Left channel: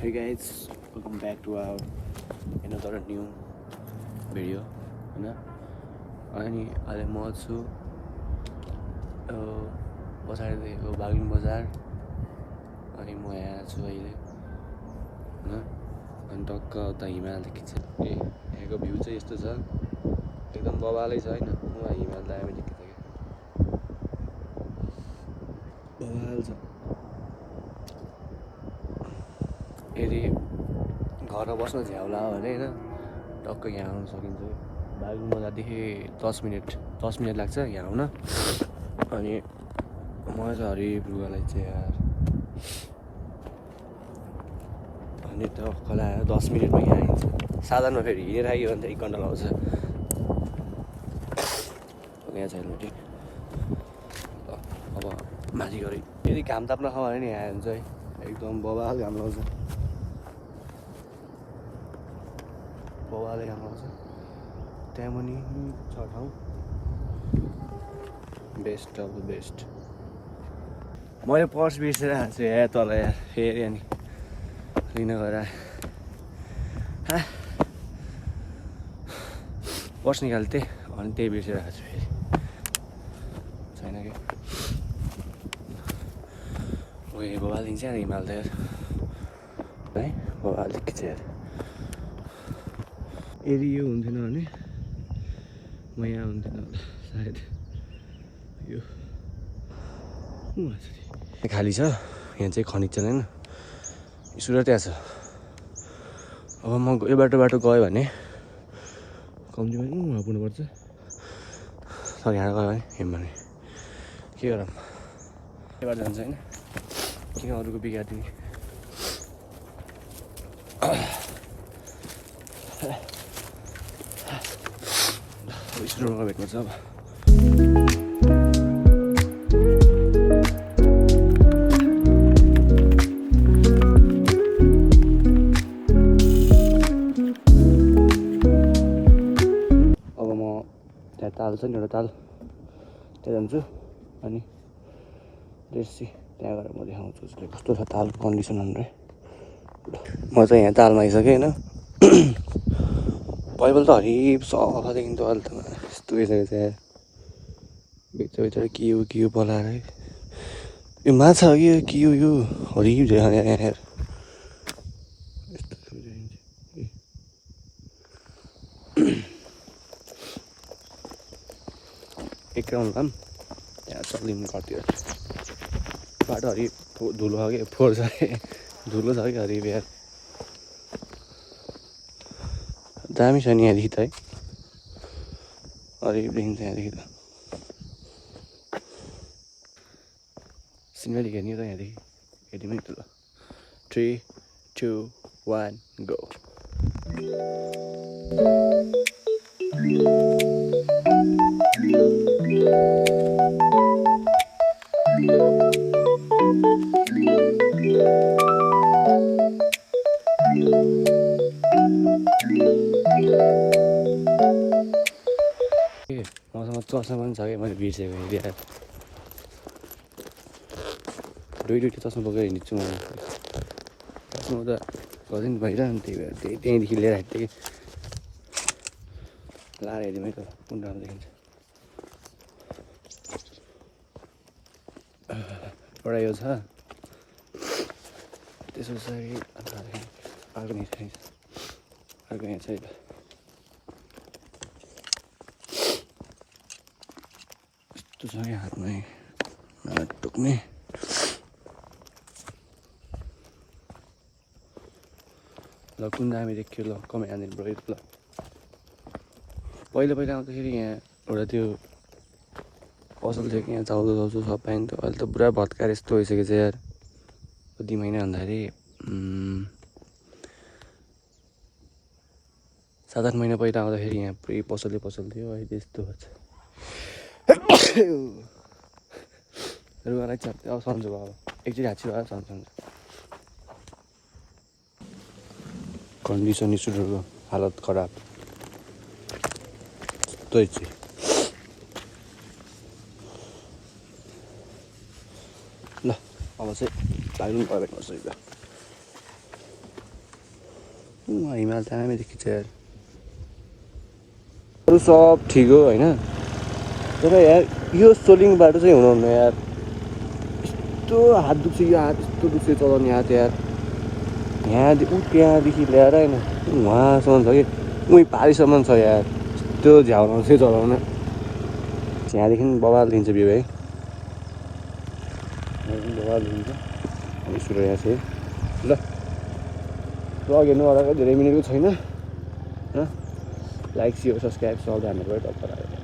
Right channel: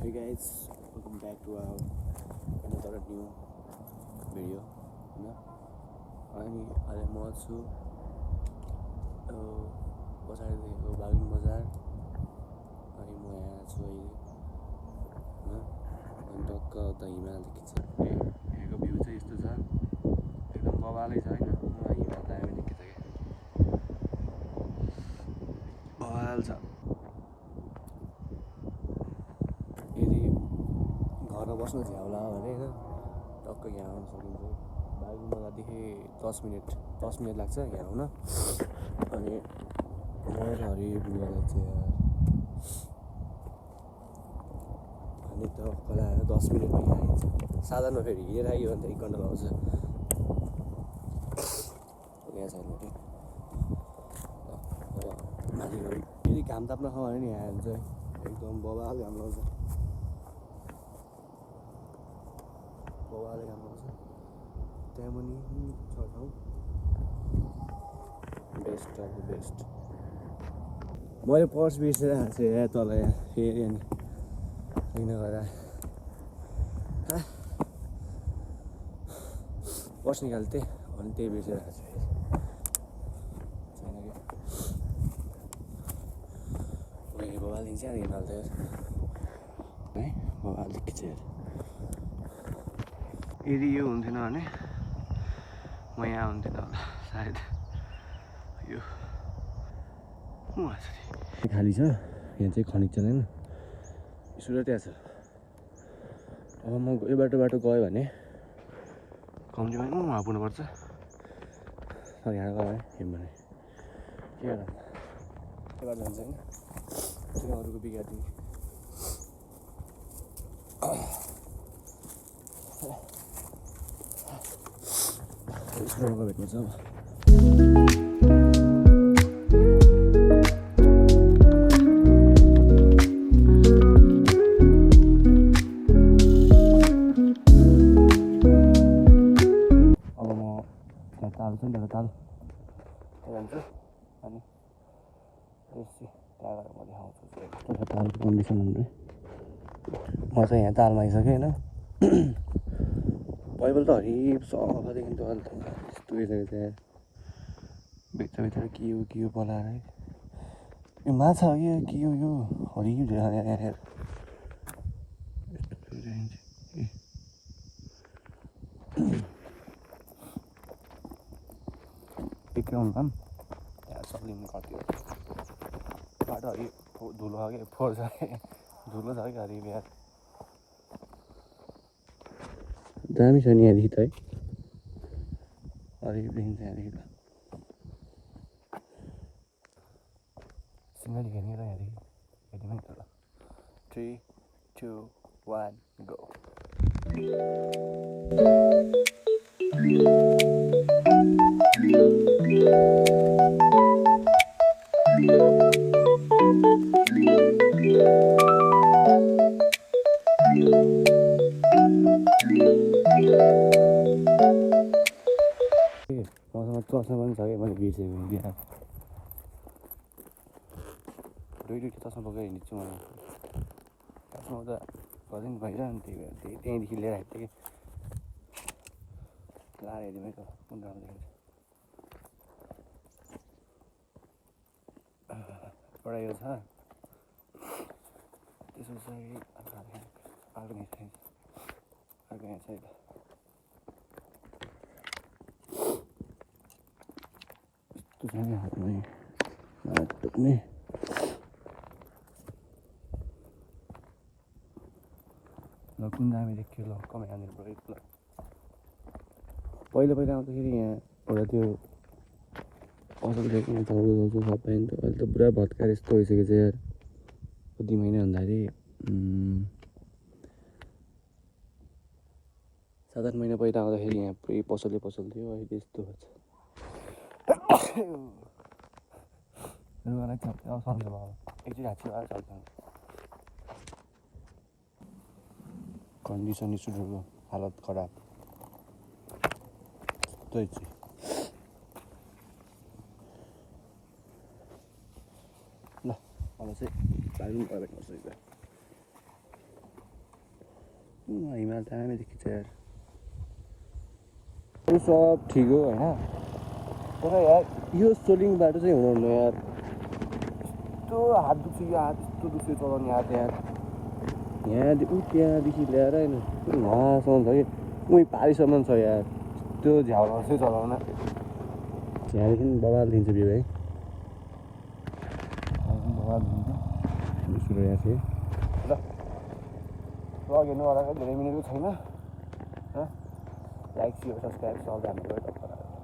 Hey guys, welcome back to our another new video. होइन अनि अहिले म छु पछाडिदेखिको बागलुङ बजार अनि म यहाँ छु अहिले होइन अनि टक्क उता हिमाल देखिन्छ यहाँको भ्यू चाहिँ यस्तो छ एकदम बवालै छ होइन हिमाल दामी देखिन्छ क्या बवाल छ यदि घरमा बस्न झ्याउला हो भने होइन टक्क यहाँ आउन सकिन्छ बागलुङ बजारदेखि 10 मिनट लाग्छ यहाँ आउन अनि मजा छ हरिब लुगालाई चाहिँ यार अनि टक्कला 10 मिनटमा यहाँ आइन्छ साधनमा फेरि हिँडेर आइयो भने त 1 घन्टा लाउँछ यहाँ छ हेलमेट अब माथि गरी यदि घाम ताप्न खाऊ भने नि यहाँ हुन्छ है एकदम बवाल घाम लाउँछ बवाले घाम लाउँछ त्यहाँ पनि छ ठाउँ बेस्ट अफ द बेस्ट मैले पर्स बिर्सेर आएको छु यहाँ तल यार फेरि अनि लिन गएर पर्स निकाल्थेँ अनि त्यही बिर्सेर आएको छु फेरि छैन कि ओए बवाल दिन्छ यार हिमाल त यार है बवाल देखिन्छ यार यदि यो हुन्थेन भने म यहाँ हुन्थेन होला सायद यो खाली छ यहाँ चाहिँ खनिज छैन सुरत त्यहाँ छ अब म यो बाटो गयो भने कम्तीमा वहाँ पुग्नुपर्छ तर यहाँ गयो भने हिँड्यो भने के गरौँ के बाटो जान्छ होइन के अरूको बिगार्दै स्टोरमा भेट्नुपर्छ अब ताल छ नि एउटा ताल त्यहाँ जान्छु अनि रेसी त्यहाँ गएर म देखाउँछु कस्तो छ तालको कन्डिसन भनेर म चाहिँ यहाँ तालमा आइसकेँ होइन पहिलो त हरिब सफादेखि त अहिले त यस्तो भइसकेको छ यार बेच्चा के हो पलाएर यो माछा हो कि यो हरिब यार यस्तो एक राउन्ड भए त्यहाँ चलिनु कति बाटो हरिब धुलो छ कि फोहोर छ कि धुलो छ कि हरिब यार दामी छ नि यहाँदेखि त है हरिब देखिन्छ यहाँदेखि त सिनेमेटिक हेर्ने त यहाँदेखि हेर्ने त ल 3, 2, 1 गो मसँग चस्मा पनि छ कि मैले बिर्सेको बिहार दुईवटा चस्मा बोकेर हिँड्छु म चस्मा त गर्दैन भइरह त्यही भएर त्यहीँदेखि लिएर आएको थिएँ कि लाएर हेर्ने है त कुन राम्रो देखिन्छ एउटा यो छ त्यस पछाडि अर्को यहाँ छ यस्तो छ कि हातमै टोक्ने ल कुन दामी देखियो ल कमै हानिदिनु पऱ्यो ल पहिला आउँदाखेरि यहाँ एउटा त्यो पसल थियो कि यहाँ चाउचाउ सब पाइन्थ्यो अहिले त पुरा भत्काएर यस्तो भइसकेको छ यार कति महिना भन्दाखेरि 7-8 महिना पहिला आउँदाखेरि यहाँ पुरै पसल थियो अहिले यस्तो छ रुगालाई चाहिँ अब सन्चो भयो एकचोटि हाच्छी भयो सन्चो हुन्छ कन्डिसन स्टुडहरूको हालत खराब त्यही चाहिँ ल अब चाहिँ बागलुङ गएर भेट्नुपर्छ हिमाल दामी देखिन्छ यार अरू सब ठिक हो होइन तर यार यो सोलिङ बाटो चाहिँ हुनुहुन्न यार यस्तो हात दुख्छ यो हात यस्तो दुख्छ चलाउने हात यार त्यहाँदेखि ल्याएर होइन उहाँसम्म छ कि उहीँ पारिसम्म छ यार यस्तो झ्याउनु चाहिँ चलाउनु त्यहाँदेखि बवाल दिन्छ बिउ है बवाल दिन्छ सुरु यहाँ चाहिँ ल ब्लग हेर्नु होला धेरै मिनेको छैन लाइक सेयर सब्सक्राइब सब हामीहरू